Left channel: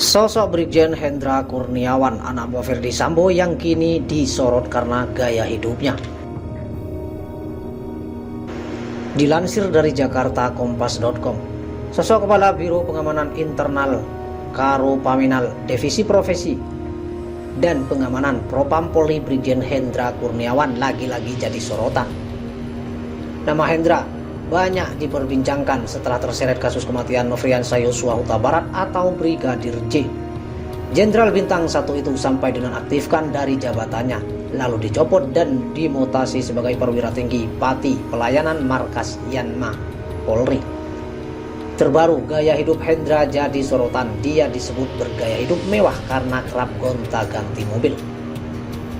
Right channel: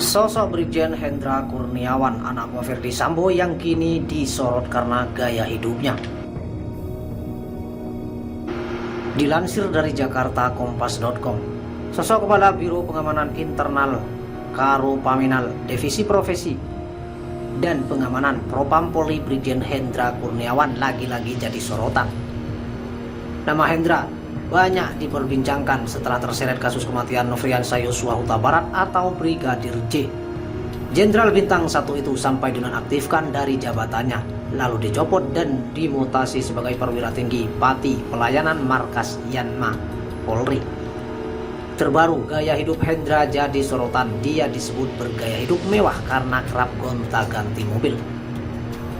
Sosok Brigjen Hendra Kurniawan, anak buah Ferdy Sambo yang kini disorot karena gaya hidupnya. Dilansir dari jakartakompas.com, sosok Kepala Biro Pengamanan Internal Karo Paminal Divisi Profesi dan Pengamanan Propam Polri Brigjen Hendra Kurniawan lagi-lagi jadi sorotan. Nama Hendra banyak diperbincangkan setelah terseret kasus kematian Nofriansah Yosua Huta Barat atau Brigadir J. Jenderal Bintang 1 itu sampai dinonaktifkan dari jabatannya, lalu dicopot dan dimutasi sebagai perwira tinggi Pati Pelayanan Markas Yanma Polri. Terbaru, gaya hidup Hendra jadi sorotan. Dia disebut bergaya hidup mewah karena kerap gonta-ganti mobil.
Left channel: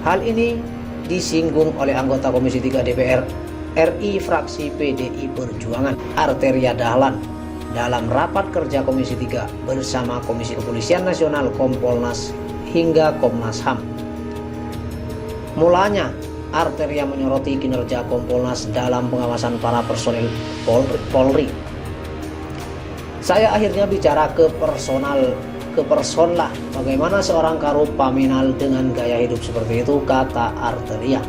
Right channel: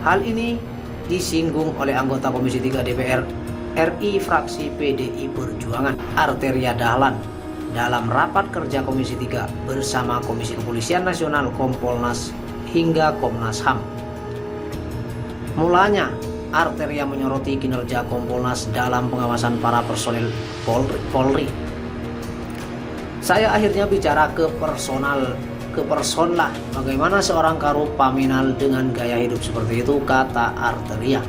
Hal ini disinggung oleh anggota Komisi 3 DPR RI fraksi PDI Perjuangan Arteria Dahlan dalam rapat kerja Komisi 3 bersama Komisi Kepolisian Nasional, Kompolnas hingga Komnas HAM. Mulanya Arteria menyoroti kinerja Kompolnas dalam pengawasan para personel Polri. Saya akhirnya bicara ke person lah, bagaimana seorang Karo Paminal dengan gaya hidup seperti itu, kata Arteria.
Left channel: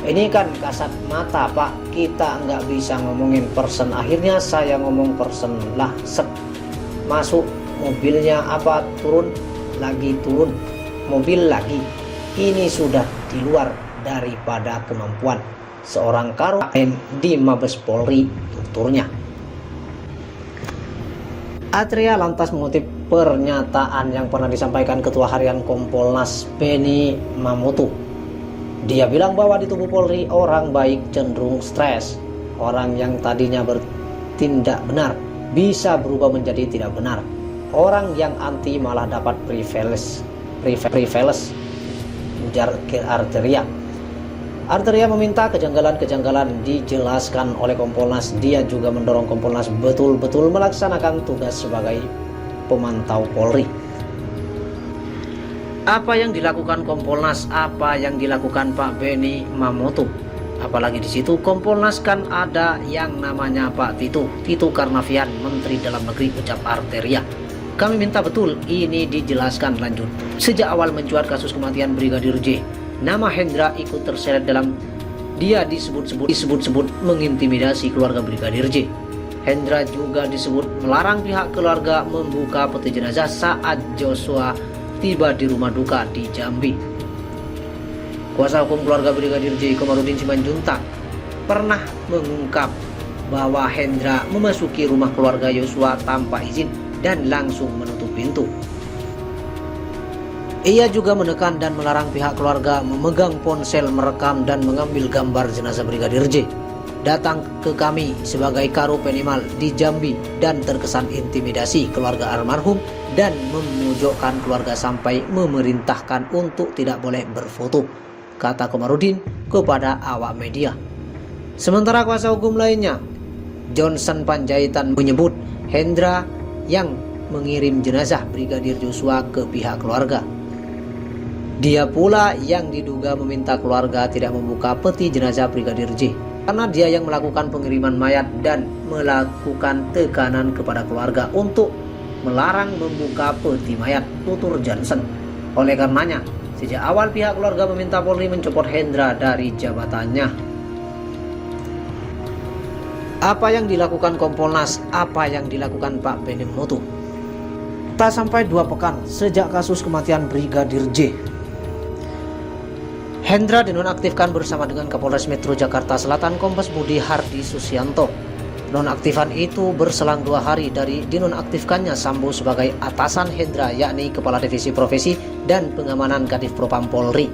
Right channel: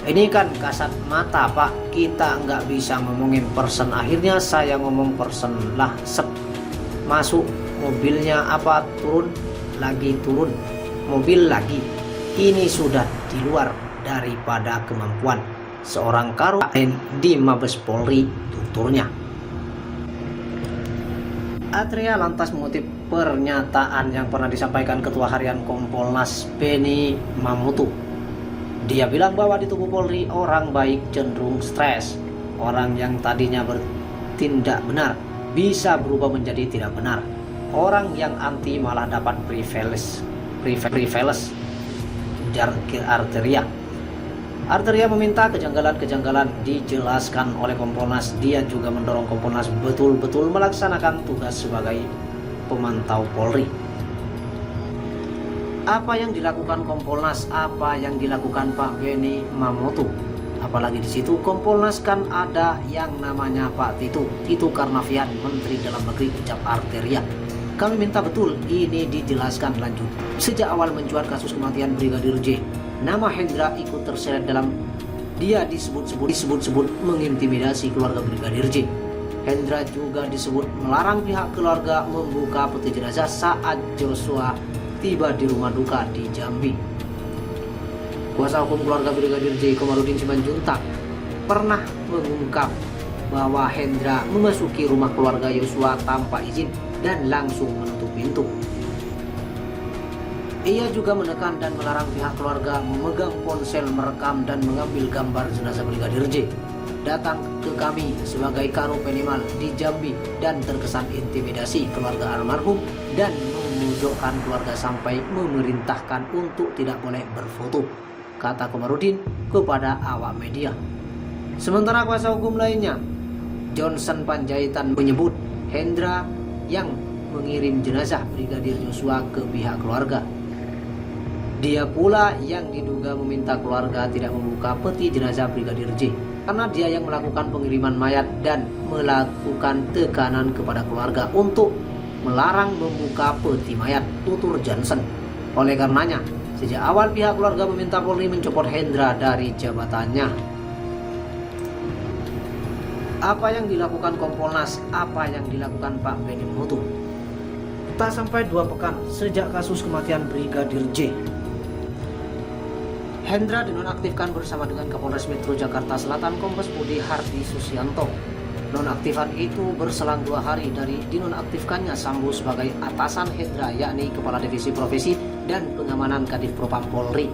Ini kan kasat mata Pak, kita nggak bisa ngomongin person. Akhirnya saya ngomong person lah, masuk mobilnya apa, turun mobil lagi. Ini sudah di luar daripada kemampuan seorang Karo di Mabes Polri, tuturnya. Arteria lantas mengutip pernyataan yang pernah disampaikan Ketua Harian Kompolnas Beni Mamutu. Dia bilang bahwa di tubuh Polri orang baik cenderung stres. Orang yang tadinya bertindak benar bisa berubah menjadi tidak benar. Orang yang anti malah dapat privilege, ujar ke Arteria. Arteria meminta kejanggalan-kejanggalan dijelaskan oleh Kompolnas. Dia juga mendorong Kompolnas betul-betul melaksanakan tugas sebagai pemantau Polri. Apa yang dilakukan Kompolnas, apa yang dilakukan Pak Beni Mamoto, apalagi di situ Kompolnas kan ada yang namanya Pak Tito Karnavian, Menteri Dalam Negeri, ucap Arteria. Kami minta betul ini dijelaskan lanjut. Sejak awal mencuat kasus kematian Brigadir J, nama Hendra ikut terseret dalam dia disebut-sebut mengintimidasi keluarga Brigadir J. Hendra juga disebut melarang pihak keluarga membuka peti jenazah saat Joshua tiba di rumah duka di Jambi. Kuasa hukum keluarga Brigadir J, Komarudin Simanjuntak, pernah mengungkap bahwa Hendra memasuki rumah keluarga Yosua tanpa izin dan langsung menutup pintu. Ia juga menekan dan melarang pihak keluarga memegang ponsel, merekam dan mengambil gambar jenazah Brigadir J. Datang ke kami sebagai Karo Penimal di Jambi dan terkesan intimidasi keluarga almarhum dan memojokkan keluarga sampai memerintahkan untuk tidak boleh berfoto, kata Komarudin kepada awak media. Sementara kuasa hukum lainnya, Johnson Panjaitan, menyebut Hendra yang mengirim jenazah Brigadir Joshua ke pihak keluarga. Dia pula yang diduga meminta keluarga tidak membuka peti jenazah Brigadir J karena dia yang melakukan pengiriman mayat dan melakukan tekanan kepada keluarga untuk melarang membuka peti mayat, tutur Johnson. Oleh karenanya, sejak awal pihak keluarga meminta Polri mencopot Hendra dari jabatannya. Apa yang dilakukan Kompolnas, apa yang dilakukan Pak Beni Mamoto? Tak sampai 2 pekan sejak kasus kematian Brigadir J, Hendra dinonaktifkan bersama dengan Kapolres Metro Jakarta Selatan Kombes Budi Hardi Susianto. Nonaktifan itu berselang 2 hari dari dinonaktifkannya Sambo sebagai atasan Hendra, yakni Kepala Divisi Profesi dan Pengamanan Kadif Propam Polri.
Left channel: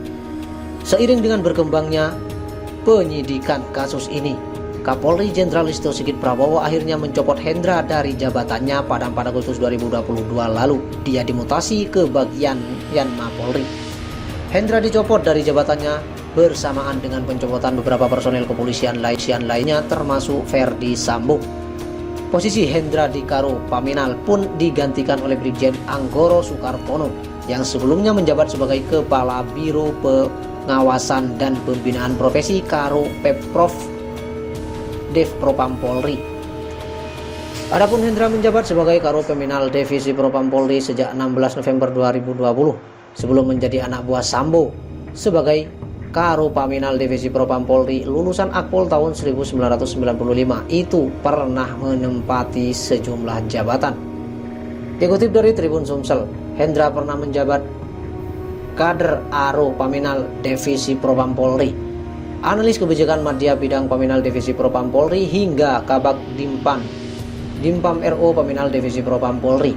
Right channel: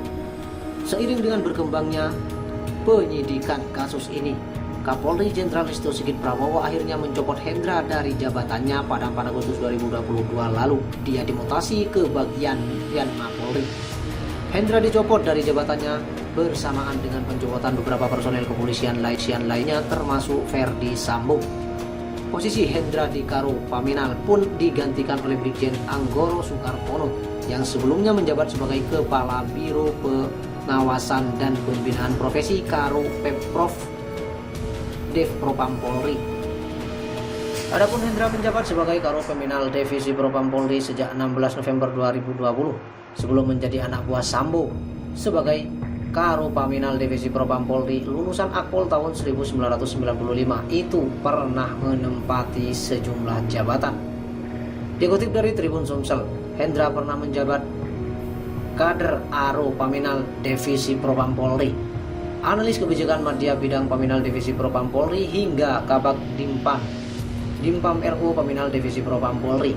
Seiring dengan berkembangnya penyidikan kasus ini, Kapolri Jenderal Listio Sigit Prabowo akhirnya mencopot Hendra dari jabatannya pada 4 Agustus 2022 lalu. Dia dimutasi ke bagian Yanma Polri. Hendra dicopot dari jabatannya bersamaan dengan pencopotan beberapa personel kepolisian lainnya termasuk Ferdy Sambo. Posisi Hendra di Karo Paminal pun digantikan oleh Brigjen Anggoro Soekartono yang sebelumnya menjabat sebagai Kepala Biro Pengawasan dan Pembinaan Profesi Karo Pemprov Dev Propam Polri. Adapun Hendra menjabat sebagai Karopaminal Divisi Propam Polri sejak 16 November 2020 sebelum menjadi anak buah Sambo sebagai Karopaminal Divisi Propam Polri lulusan Akpol tahun 1995 itu pernah menempati sejumlah jabatan. Dikutip dari Tribun Sumsel, Hendra pernah menjabat kader Karopaminal Divisi Propam Polri, analis kebijakan Madya Bidang Paminal Divisi Propam Polri hingga Kabag Dimpam RO Paminal Divisi Propam Polri.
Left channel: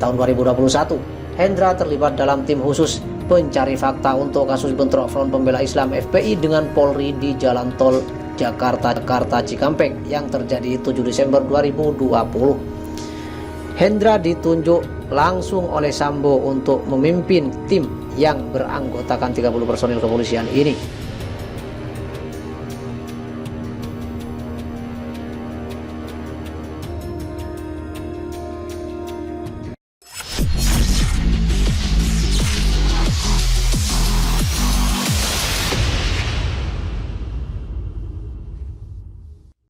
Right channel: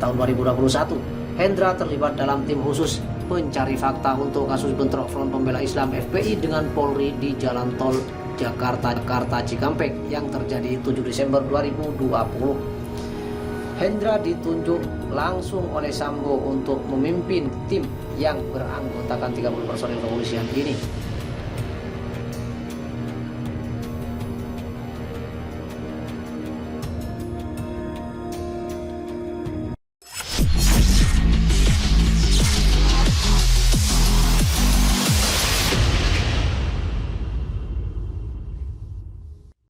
Tahun 2021, Hendra terlibat dalam tim khusus pencari fakta untuk kasus bentrok Front Pembela Islam FPI dengan Polri di Jalan Tol Jakarta Cikampek yang terjadi 7 Desember 2020. Hendra ditunjuk langsung oleh Sambo untuk memimpin tim yang beranggotakan 30 personil kepolisian ini.